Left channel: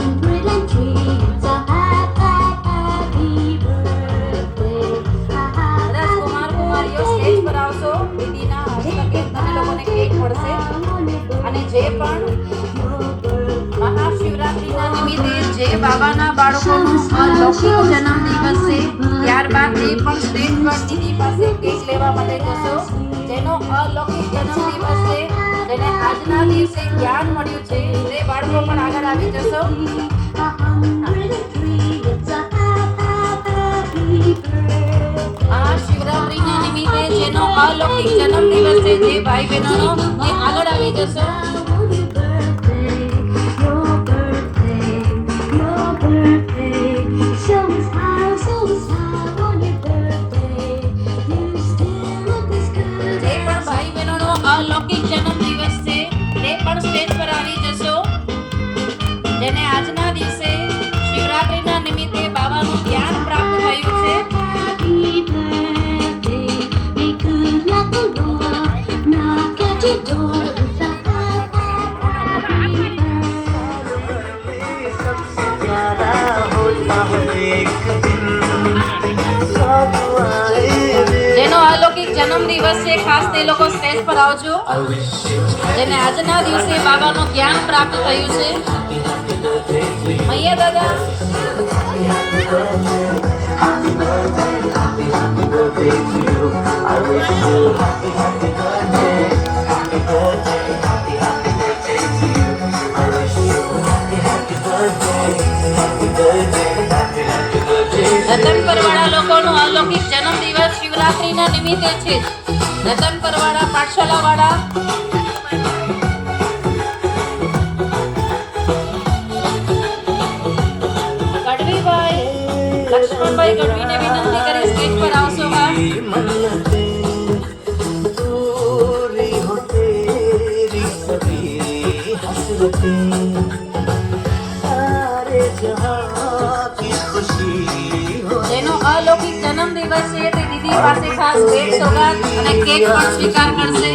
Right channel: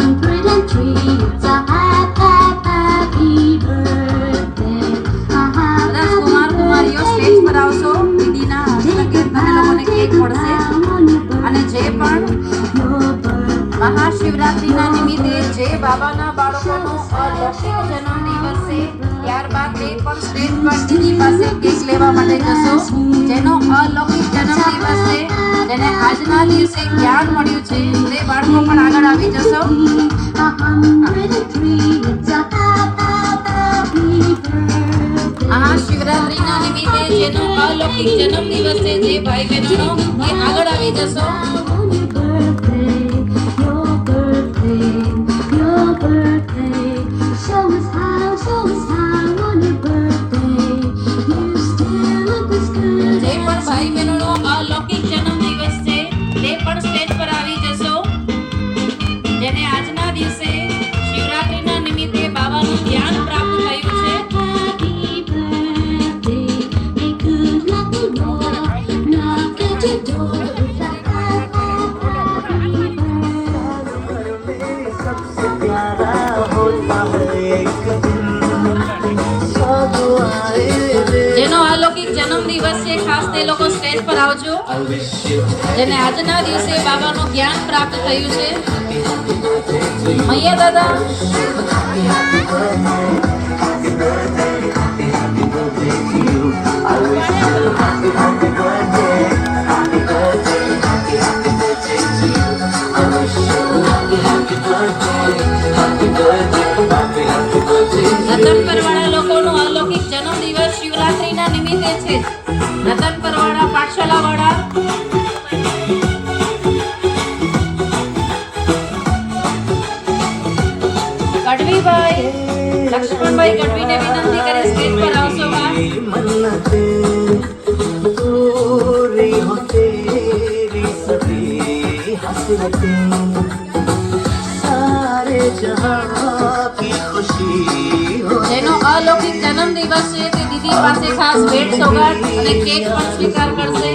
three. દિવસે જ્ઞાન મળ્યું છે. તે બાળકો પણ આગળ આવી જશો. આ શિવરાત્રીના નિમિત્તે જેનો અલૌકિક જન્મદિવસ છે, જે ભાઈ બહેનોનો તે લોકો સ્ટેજ પર આવજો. જેને આજના દિવસે બાબાનું જ્ઞાન પ્રાપ્ત થયું છે. મૈયા દાદા. રતન લોકોનો અલૌકિક જન્મદિવસ શિવરાત્રીના નિમિત્તે છે. રતન પરવાળા પાઠશાલાવાળા લક્ષ્મણભાઈ ગઢવીને વિનંતી કરી સ્ટેજ પર આવશો હા? पूरी પાસે ખાસ ભેટ સોગાદ અને કેક પણ સ્વીકાર કરશે.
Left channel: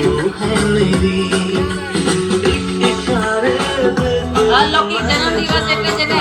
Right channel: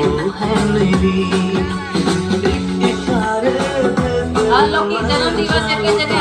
આ અલૌકિક જન્મદિવસ એટલે છે કે